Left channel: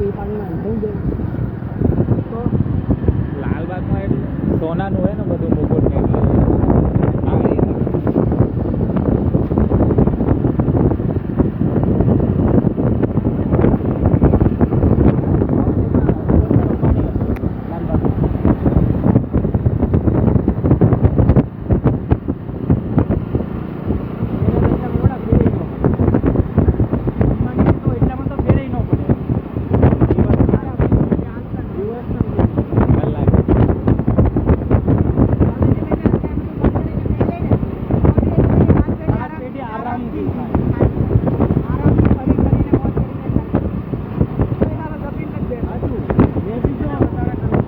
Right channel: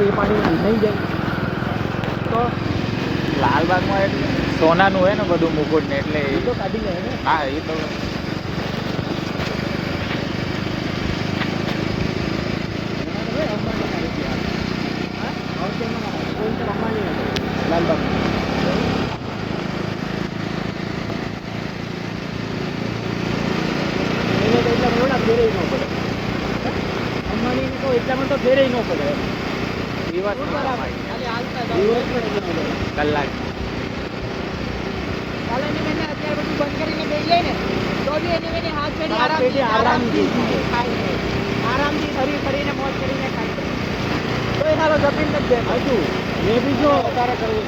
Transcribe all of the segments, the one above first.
એ પાણી નહીં જાય તો લાલબાગમાં એટલે સોનાનું હોય ને બધું મુકુટ ને એટલે હા એ તો લાલબાગ એટલામાં તો ફેરે ન પડે દિવસ કલાક આરામથી ફરી ફરીને મોજ કરીને ખાઈ તો એ સારો જમીન નથી દે હતું મેં બી જો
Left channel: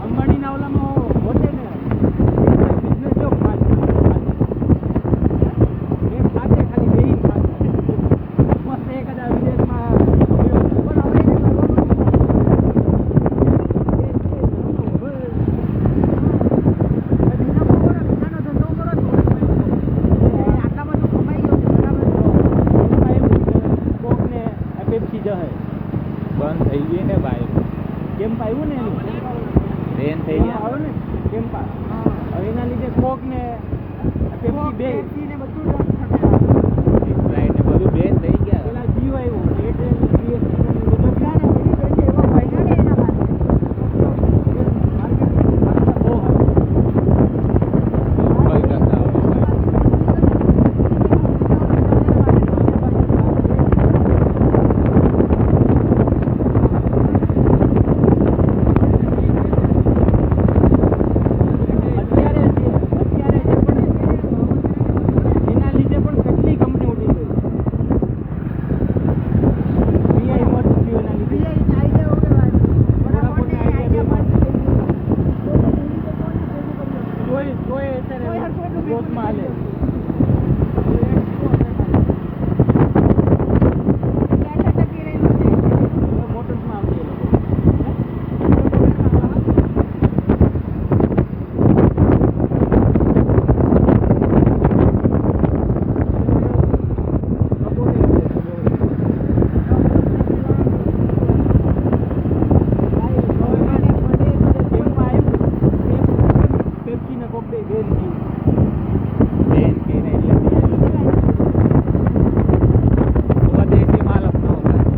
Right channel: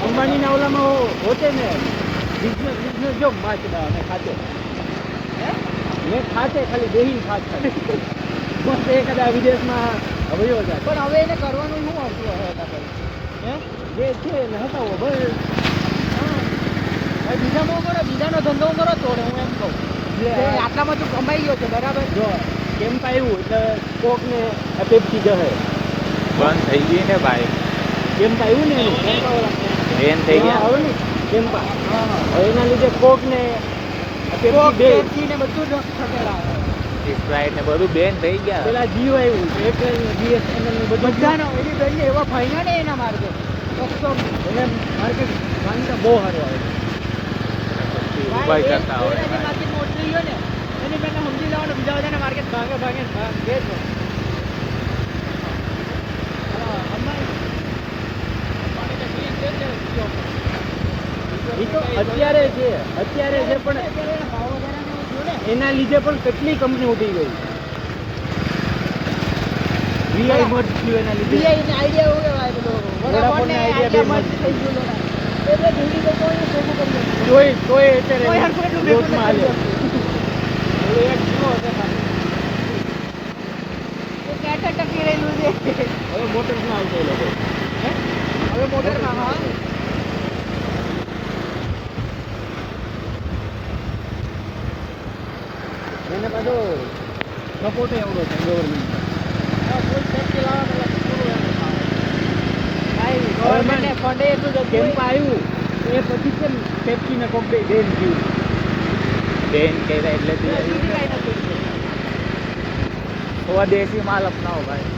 અંબાણીના ઓલામાં હોતે ને બિઝનેસ જો ખાતે મેં ખાતે ખાલી ડેલી ખાત મસ્ત એ કદાચ વિદેશમાં ભયો જાય પણ હવે એને કરવાનું શું એ છે ને હલાવો બસ બીજામાં કરો બીજાનો ધંધો કરો થોડો એમ કહું આટલામાં તો કમાઈ ગયો છે બરાબર જો એમ આવ્યું એટલે કોકને પેપ્સી જશે બંધ થઈ ગઈ ને ભાઈ કેમ્પા આવ્યું ને એનું બેન થઈ ગયા હવે ને કેમ્પા હવે એના લીધે કોકને પેપ્સી ને બધું જ સ્પ્રાઇટ ને બધું બેન થઈ ગયા પેલા જીઓ આવ્યું એરટેલ બીએસએનએલ ને બધું બધાનો એની તો એવા ભાઈના ને એના માર્કેટ તો હવે માર્કેટ માનતા બહુ સારો આવે ભાઈ કરતા હોય માર્કેટ મોટી ગયો ને એની પહેલા સમજી જવાનું બીજા બધાને માર્કેટ ભાગે અત્યારે છે પણ એના લીધે પણ કેટલી કંપની ઉઠી ગઈ વીઆઈ મત થયું એના લીધે આઈડિયા હો ગયા વોડાફોન આઈડિયા બે મત થઈ ગયું તોય અત્યારે ગ્રોથમાં આવ્યો ટકી રહેલું છે હવે મોટર્સમાં આવી લોકો હવે મોટરમાં પેપ્સીને કોક બેન થયું બેન કહેવાય એટલે સ્વદેશી માલ અપનાવો ભાઈ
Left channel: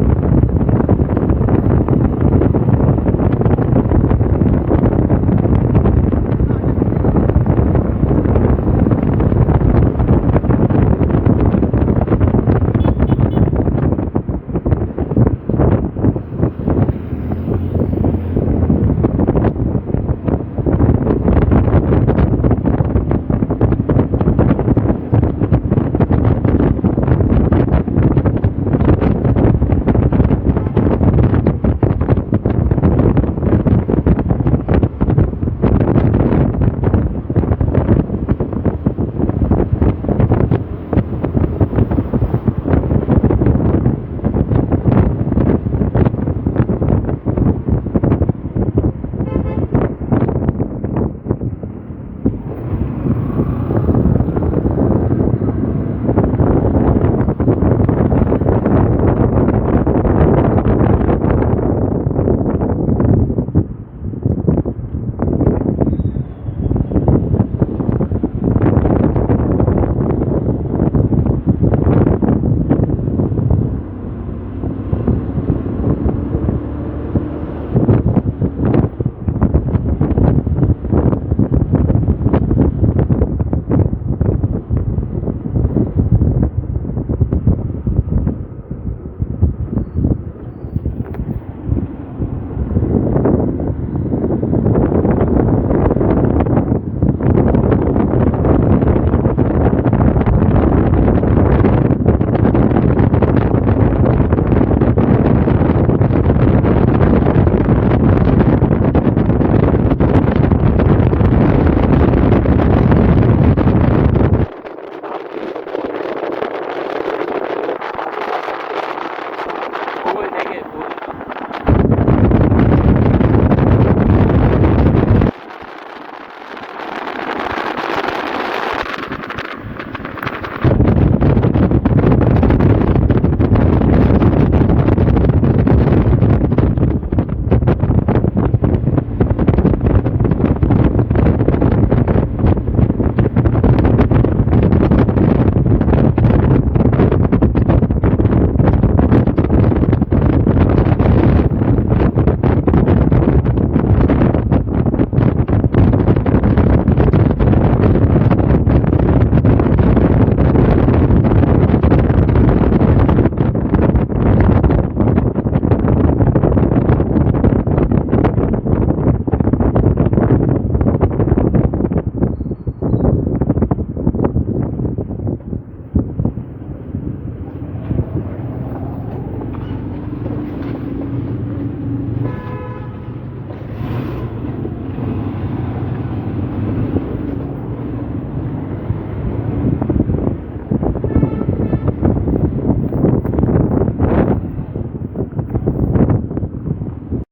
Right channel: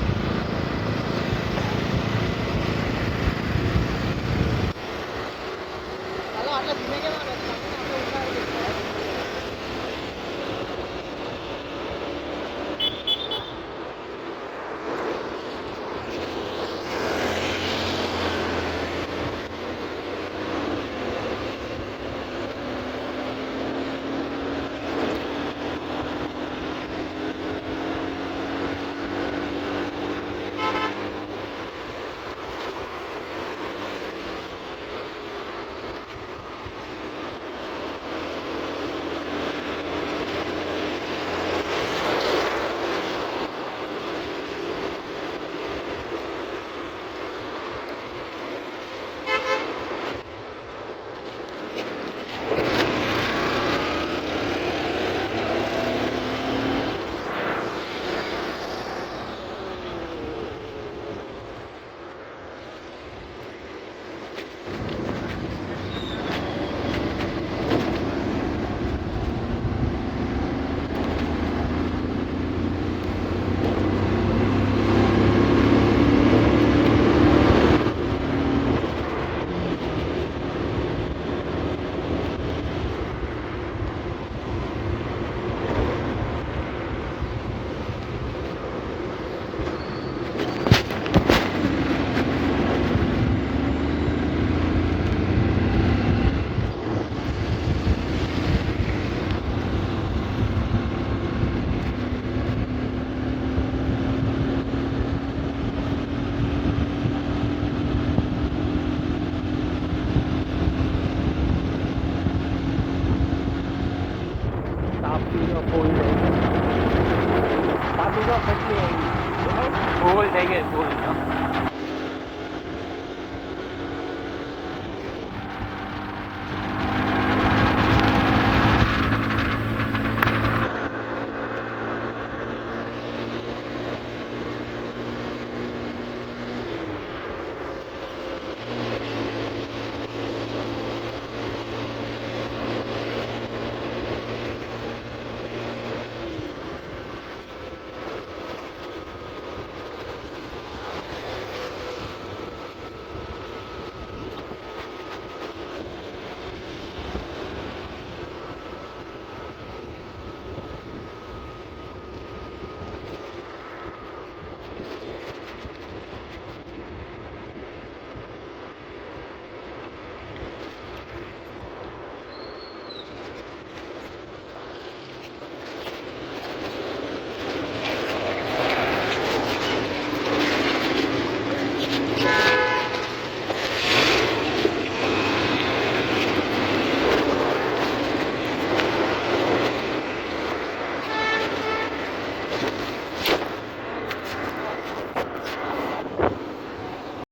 ફૂલ થઈ ગઈ ફૂલ